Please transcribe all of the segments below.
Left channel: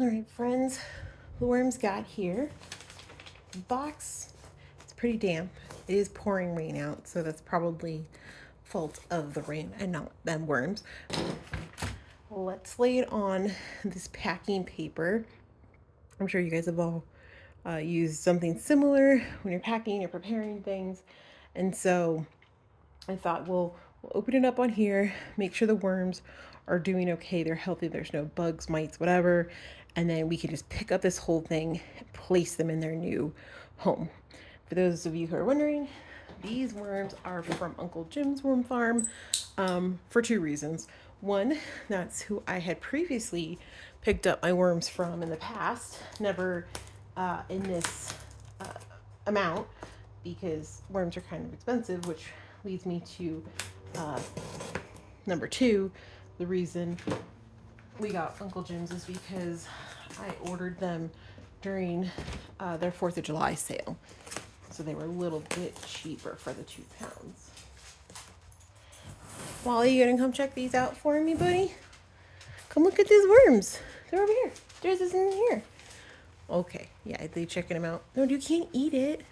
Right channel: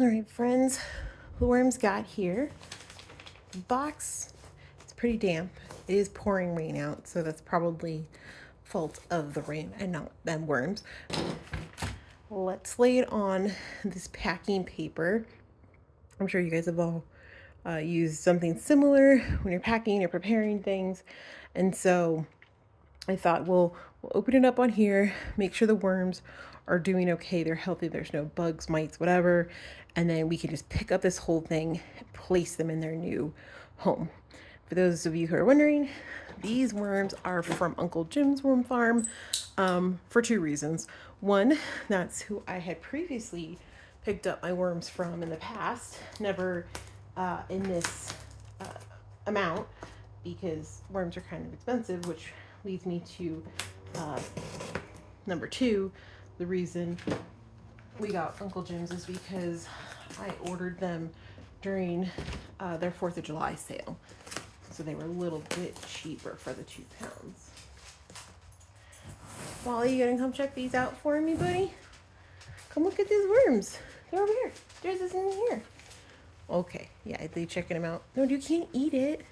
All right, friends, the worms got here. The box, it's pretty damp. It is pouring rain out, so that's probably fault of the rain and not them worms. Let's lay it on this packing paper. I'm sure you guys have all used something similar when you're packing or preparing things. And so I thought we'll open it up on here, make sure the worms are doing okay, they're healthy, there's no bugs, mites, whatever, and then we can just pick up this whole thing and place them in their new home. For those of you who are wondering, these worms are from Uncle Jim's worm farm for two reasons. One, that's who I had previously picked up my worms from in the past, never in this amount, because worms are kind of expensive, which leads me to number two. The reason we got Uncle Jim's is because I ordered them during their 4th of July sale. So they were a little bit cheaper for the 2 pounds. Wally, you gonna come check these out for me, buddy? Come look at these worms. They're over here. There's this in here. Okay, yeah, I checking them out. No, you can't eat it.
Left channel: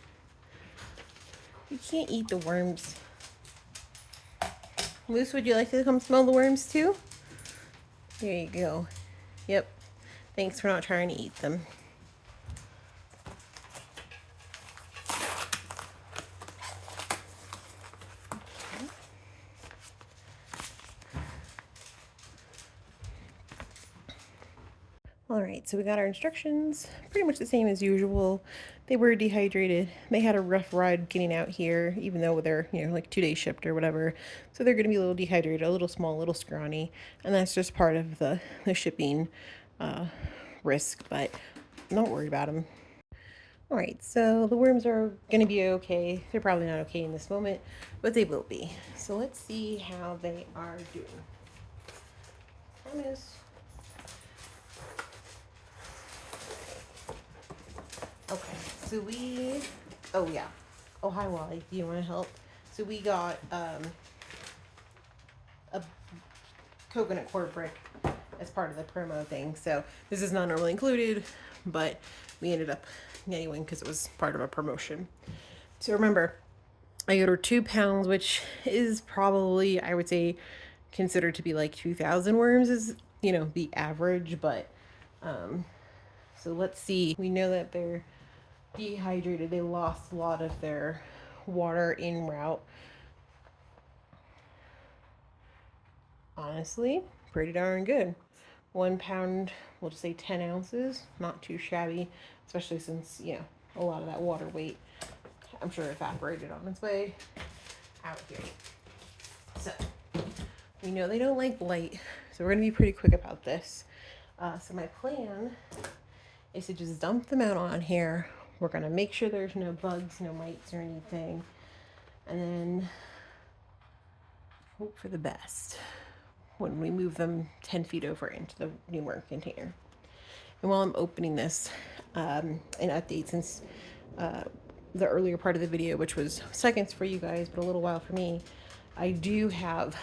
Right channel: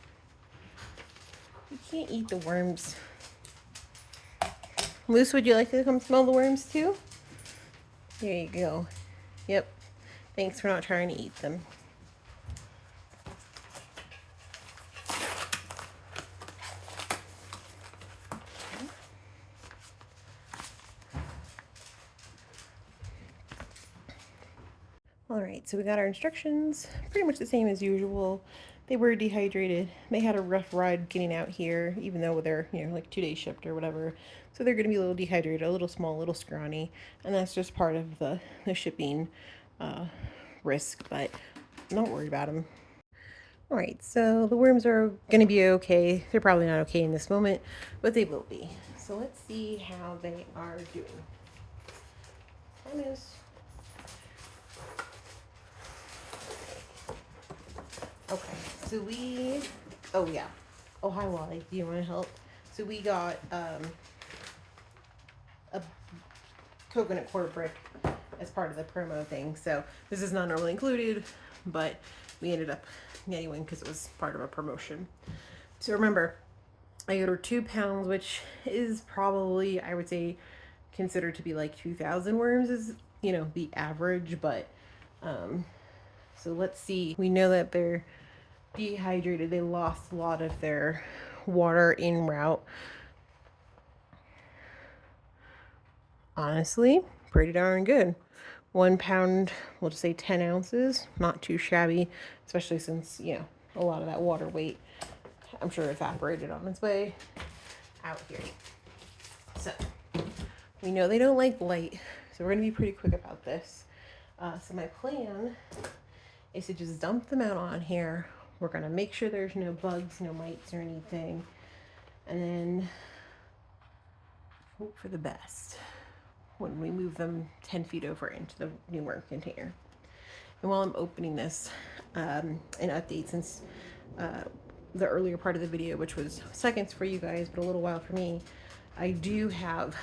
You can't eat the worms. Moose, would you like to come smell the worms too? There you go. Yep. Thanks for not trying to eat them. All right, so we got our instructions, pretty much the same as usual. They were dehydrated. They had a rough ride getting out here, even though they're, like 2 days shipped or whatever. So they're going to be a little dehydrated, a little small, a little scrawny. And that's just part of the shipping risk, but not worried about them. All right, so the worms are going to be okay. They're probably not okay in this moment, but they will be. So let's see how they are doing. Promise. Okay, so oh yeah. Oh, hi Wally, do you want to help? So we got a coconut coir brick as part of the promo thing. So this is not normally included, but we ended up getting one because it was part of a promotion. So remember, I ordered 2 pounds, which is probably, I would say, considered to be like 2,000 worms is, the average, but so let's see. We know that they're dehydrated. They lost a lot of their water en route. Honestly, pretty darn good. 1 pound, we'll just say 10 ounces. Not too shabby, especially since, a lot of that water weight, I'm sure, evaporated on its way out here. So, we know they don't like light, so we're going to be pretty quick about this. So my plan is to just dump them out on here. We're going to make sure there's no bugs, no mites or anything. And then hope for the best when we move them 10 feet over into the new worm container. And while I'm opening this, an update since the earlier part of the video, which was seconds for you guys, but a little while for me, I do have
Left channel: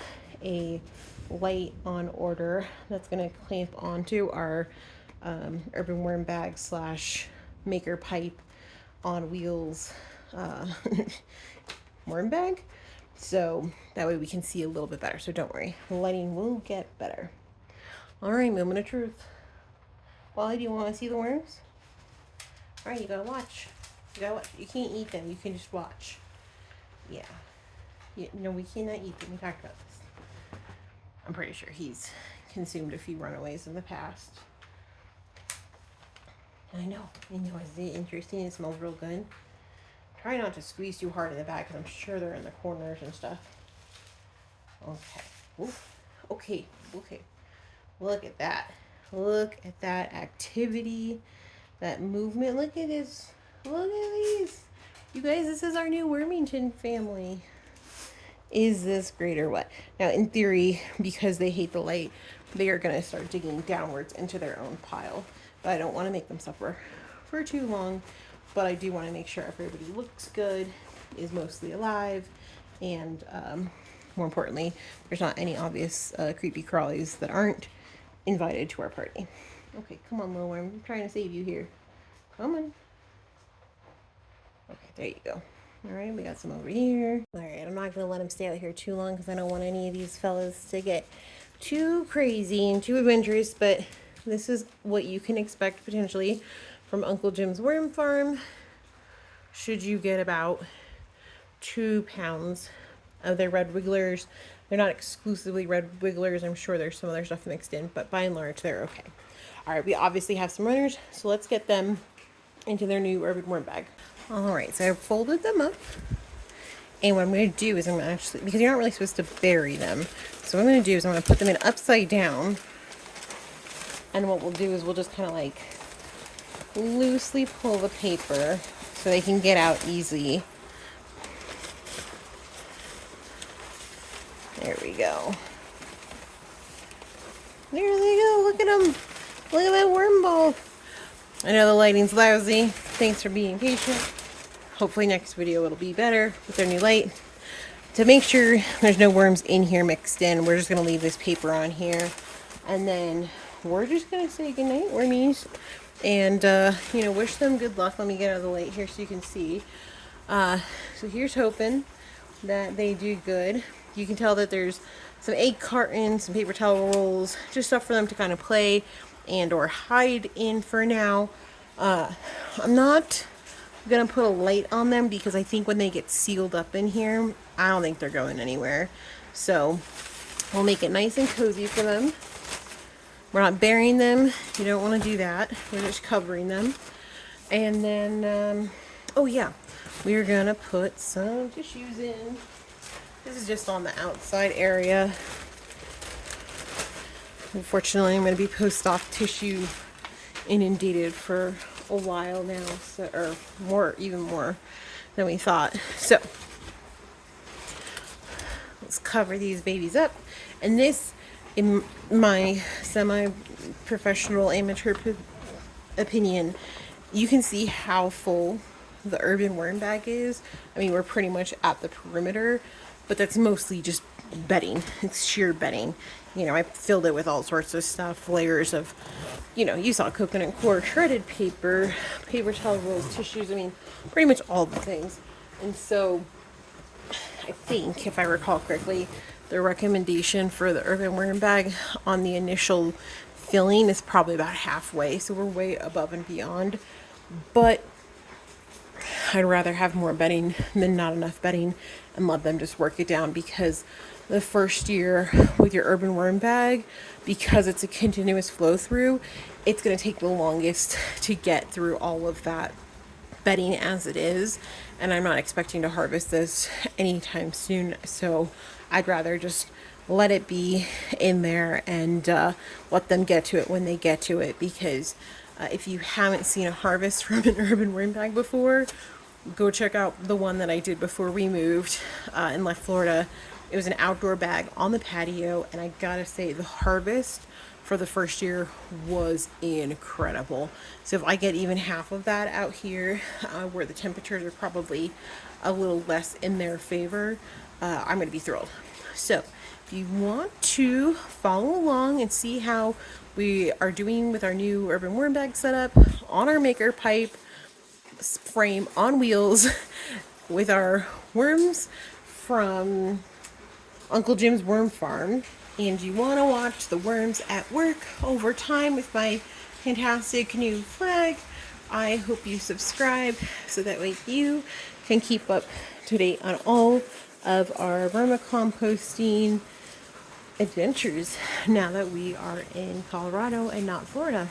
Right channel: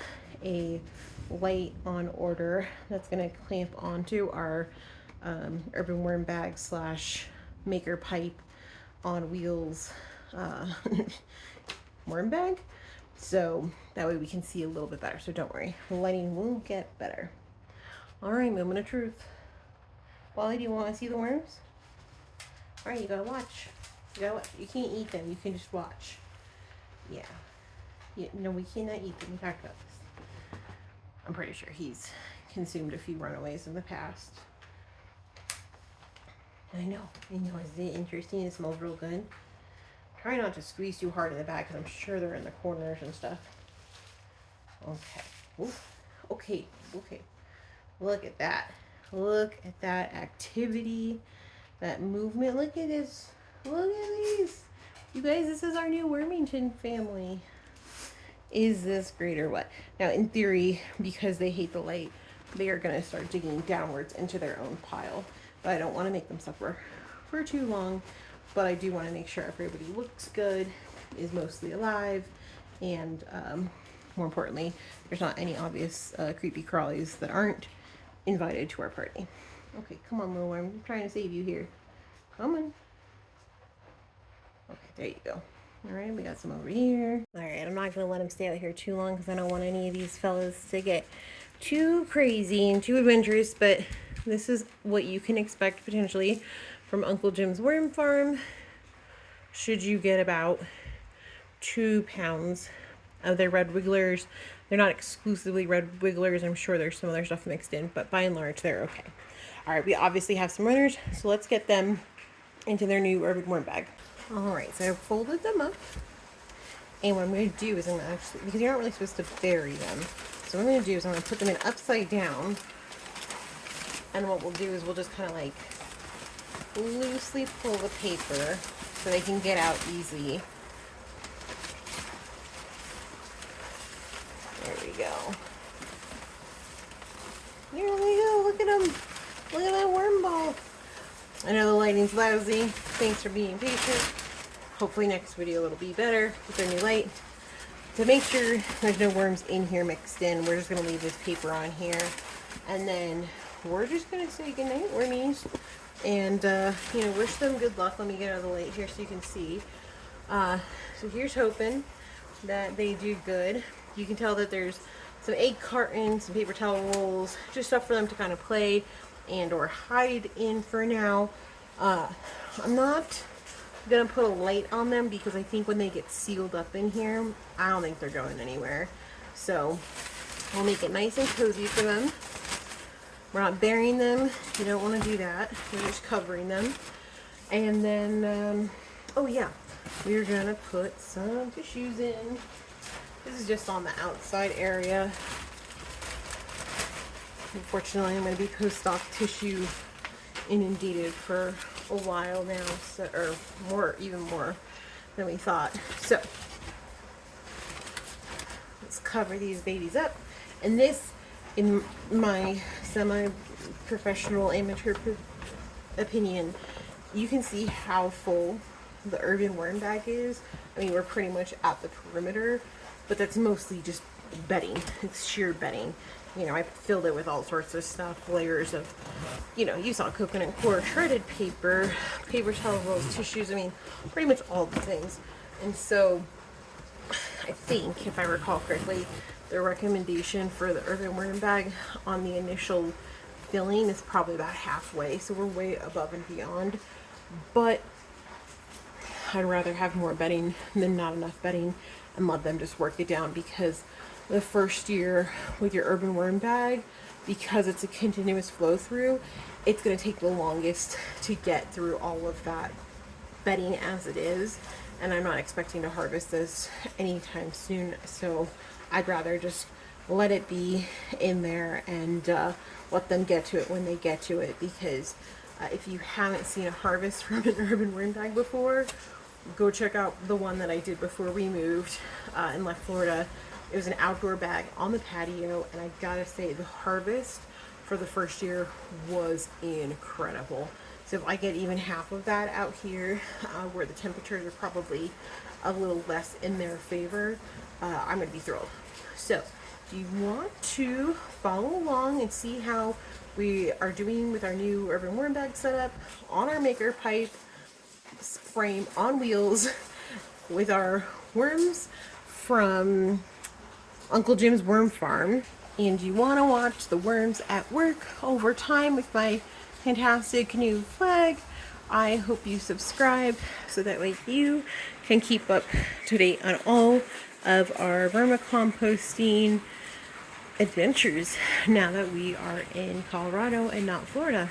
a light on order that's going to clamp onto our urban worm bag / maker pipe on wheels worm bag, so that way we can see a little bit better. So don't worry, the lighting will get better. All right, moment of truth. Wally, do you want to see the worms? All right, you gotta watch. You can't eat them, you can just watch. Yeah, no, we cannot eat them. In fact, I'm pretty sure he's consumed a few runaways in the past. I know, isn't it interesting? It smells real good. Try not to squeeze too hard in the back, because I'm sure they're in the corners and stuff. Okay. Oof. Okay. Look at that. Look at that activity, that movement. Look at this. Look at these. You guys, this is our new Wormington family. Is this great or what? Now, in theory, because they hate the light, they are going to start digging downwards into their own pile. But I don't want to make them suffer for too long. But I do want to make sure everybody looks good, is mostly alive, and more importantly, there's not any obvious creepy crawlies that aren't invited to our party. Okay, come on, little worm. I'm trying to save you here. Come on. Okay, there you go. Alright, we got some over here. Alright, I'm not going to let him stay out here too long because I don't want any of these fellas to get too crazy and too adventurous, but this is what you can expect potentially from Uncle Jim's worm farm. Should you get about 2 pounds of their red wigglers. They're not exclusively red wigglers. I'm sure there's some other stuff mixed in, but by and large, they're okay. All right, we obviously have some runners, so let's get them into their new urban worm bag. All right, so I've folded them up. And what I'm going to do is I'm going to actually, because you're not really supposed to bury them, so what I'm going to do is I'm going to put them in upside down. And what we'll do is we'll just kind of like loosely pull the paper so they can get out easy. There we go. There they go. Look at them. Look at that worm ball. I know the lighting's lousy. Thanks for being patient. Hopefully next video it'll be better with their new light. To make sure there's no worms in here mixed in, we're just going to leave this paper on here. And then we're just going to say goodnight, wormies. And, you know, wish them good luck. Let me get out of the light here so you can see. So here's hoping that they do good. You can tell that there's some egg cartons, some paper towel rolls, just stuff for them to kind of play and or hide in for now. I'm not gonna put a light on them because I think when they get sealed up in here, I don't think they're going anywhere. So we'll make it nice and cozy for them. We're not burying them. You don't want to do that. We're just covering them. And then, oh yeah, we're gonna put some tissues in. This is just on the outside area. Unfortunately, I'm going to be post-op tissue inundated for a while now, so, or more, even more than we thought. So let's cover these babies up. And this, in my semi-professional amateur opinion, you can see how full the urban worm bag is. I mean, we're pretty much at the perimeter. But that's mostly just bedding. It's sheer bedding. You know, I filled it with all sorts of stuff, layers of, you know, you saw coconut coir, shredded paper, paper towel rolls, tissues, I mean, pretty much all the things. And so, I think, if I recall correctly, the recommendation for the urban worm bag on the initial filling is probably about halfway. So we're way above and beyond. But I'd rather have more bedding than not enough bedding and let them just work it down, because the first year with your urban worm bag, because it's a continuous flow through, it's going to take the longest to get through all of that bedding as it is, and I'm not expecting to harvest this anytime soon, so I'd rather just let it be in there and let them get to it when they get to it, because if you haven't seen a harvest from an urban worm bag before, go check out the one that I did before we moved in left Florida. It was an outdoor bag on the patio, and I gotta say the harvest for the first year was incredible. So if I get even half of that out here, where the temperatures are probably a little less in their favor, I'm gonna be thrilled. So if you want to follow along and see how we are doing with our new urban worm bag setup on our maker pipe frame on wheels with our worms from Uncle Jim's Worm Farm, and you want to watch the worms at work over time with my fantastic new flag, I hope you subscribe so that way you can keep up to date on all of our vermicomposting adventures now that we are in Colorado and not Florida.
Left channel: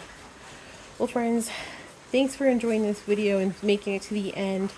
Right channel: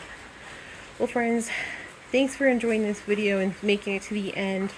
Well, friends, thanks for enjoying this video and making it to the end.